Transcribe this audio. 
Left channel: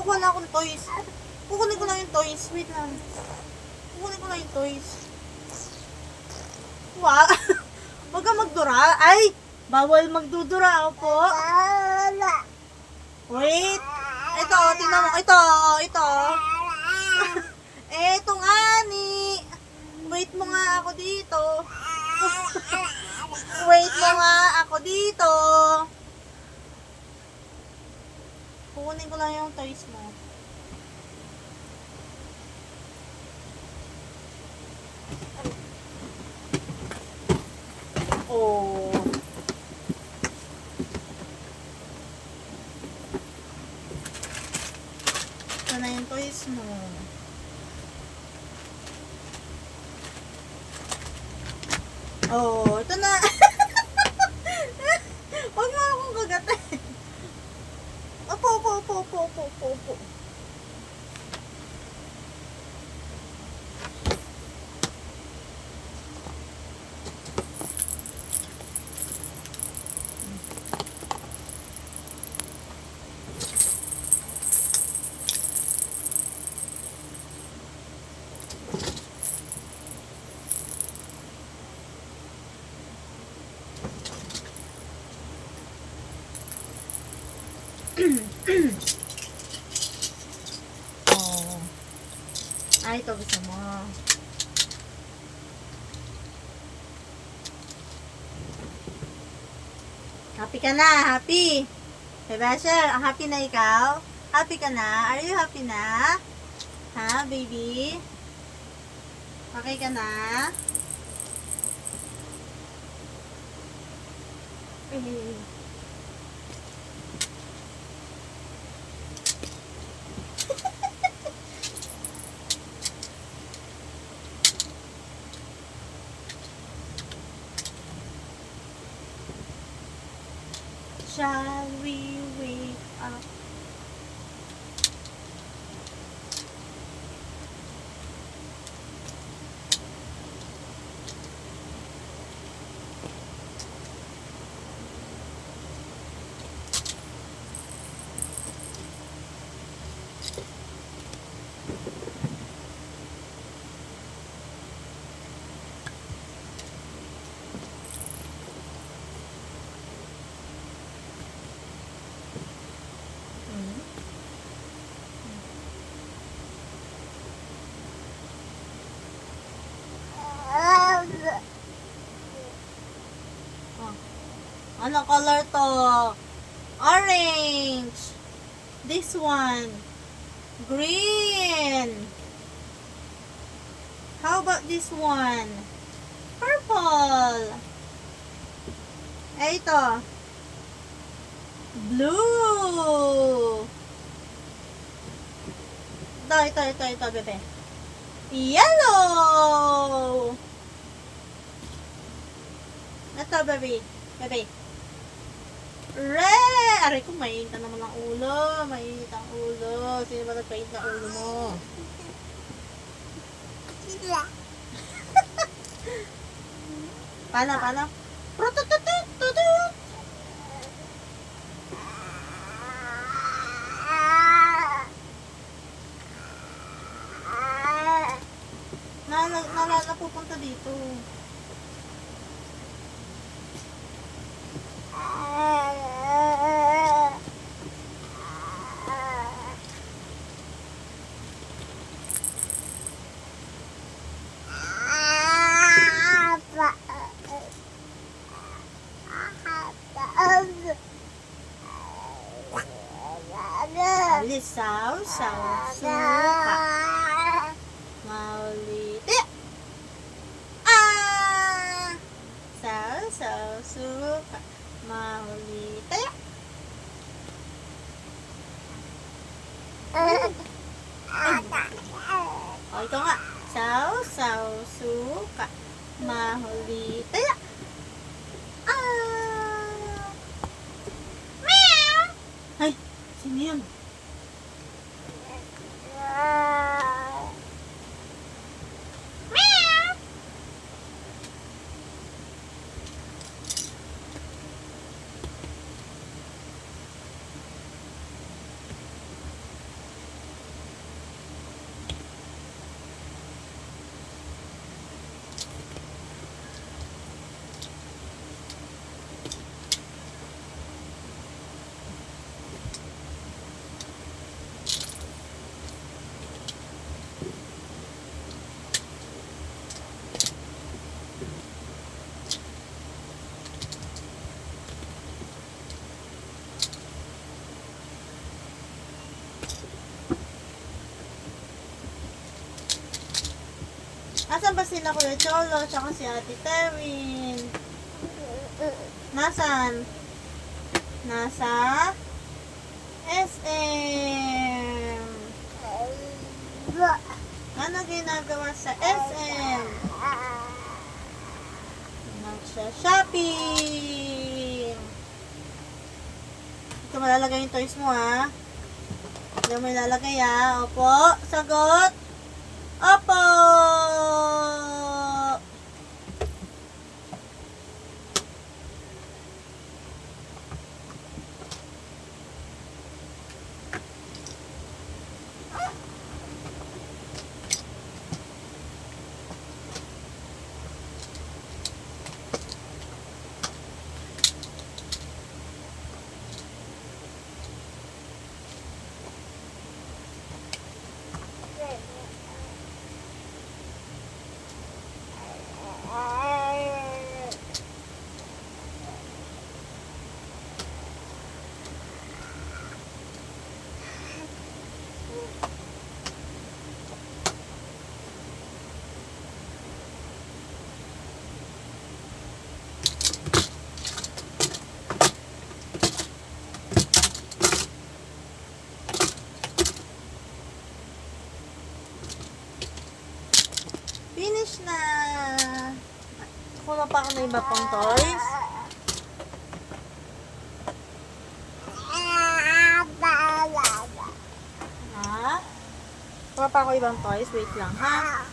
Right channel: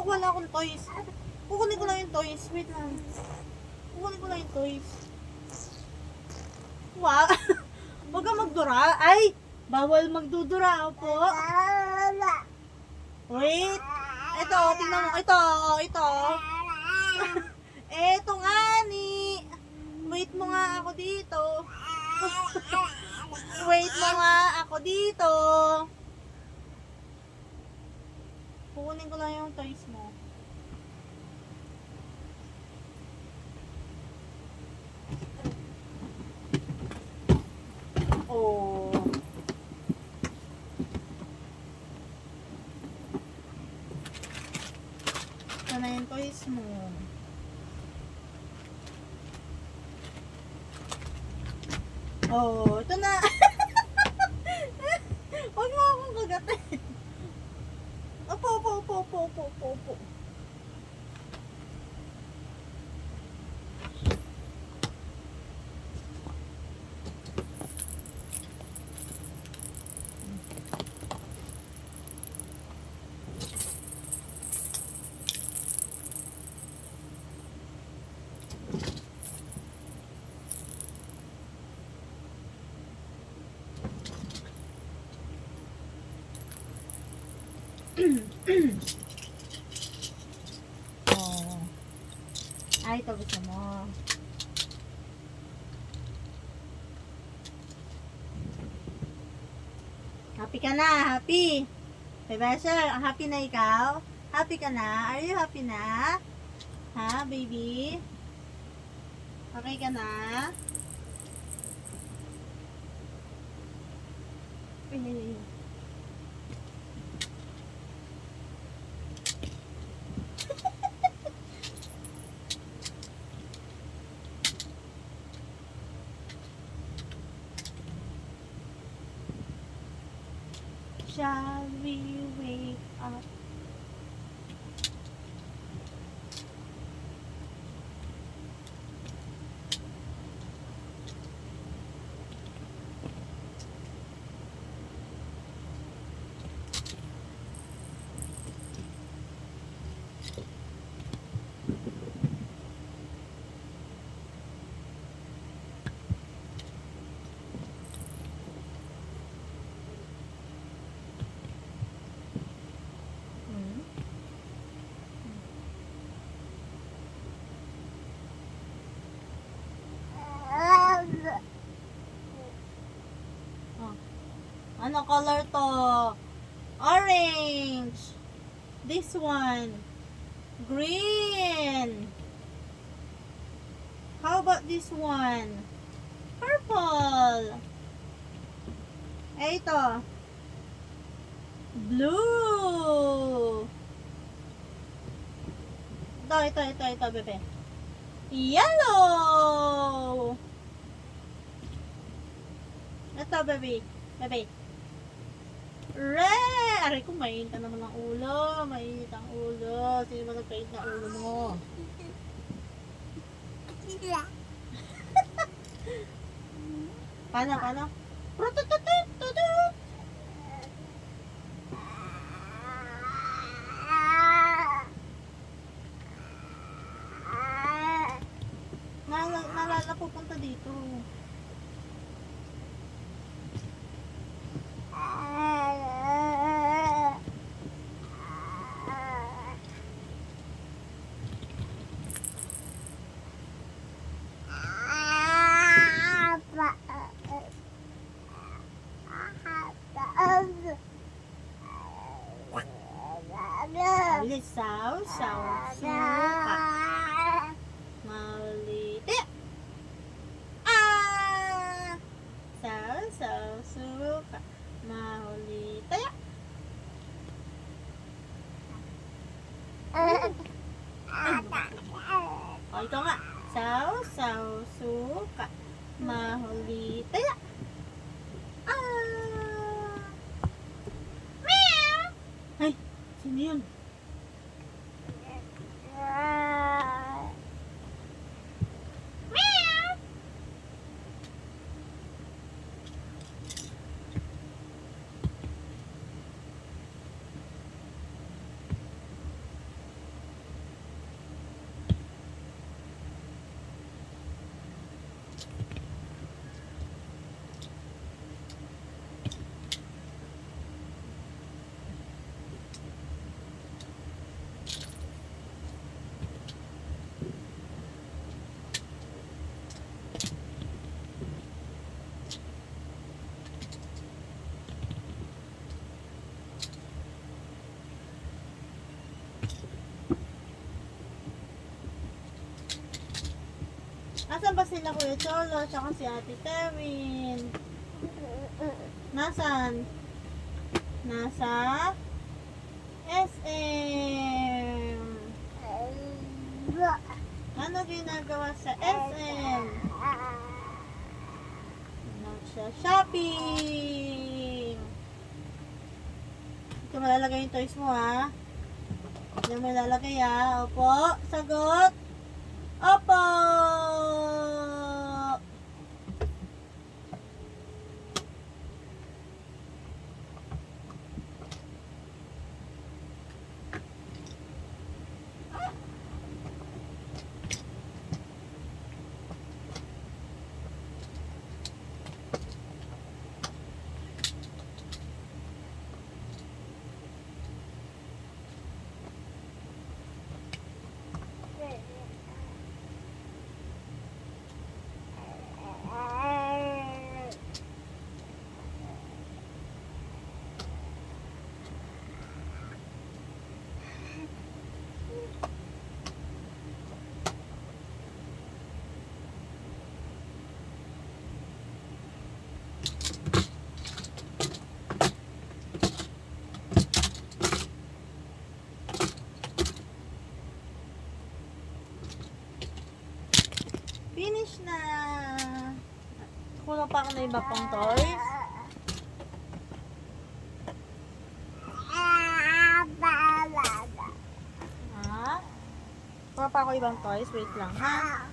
kukuha na akong toys. Kukunin ko lang yung toys. Wait lang. Kukunin ko lang yung toys. Wow. Huwag kang magdura. Ay! Bawal magdudura. Ako po. Wait. Ito, tingnan mo. Ito. Eto nga ni. Wait mo nga ako dito. Wait mo nga ako dito. Kukunin ko lang yung toys mo. Oh. Ito na yung toys mo. Oh, ito na. Huwag mo akong kagatin. Opo. Oh. Ay, ito gusto mo. Happy ka na, happy. Hey, Basher, happy na ikaw? Happy ka na? Are you happy na? Ha, baby? Okay ka na? Shall we wake up? Ano color to? Orange. This one. Green. How about this one? Purple. Eh, ito. Blue. Ito, bebe. Yellow. Ito, baby. Red! Aray ko, mainit na naman ang ulo. Mainit ang ulo. Sino ba nagpainit na ulo mo? Paano? Protututututut! Napupunta dito. Lisaw, suka. Mauliti. Suka. Mauliti. O, ito nga. Suka. Mauliti. Meow. Ay, sino yun? Nasaan ba sila Kuya Cholo tsaka si Ate Terwin? Nasaan? Nasa SM. Ano ginagawa sa SM? Nagsha-shopping. Ito malalagay yung toys mo ha. Ito mo ilalagay ha. Opo. Sagot. Opo. Finish na. Kulang pa ako ng iba pang toys. Ha? Kulang pa ako ibang toys. Wait lang ha.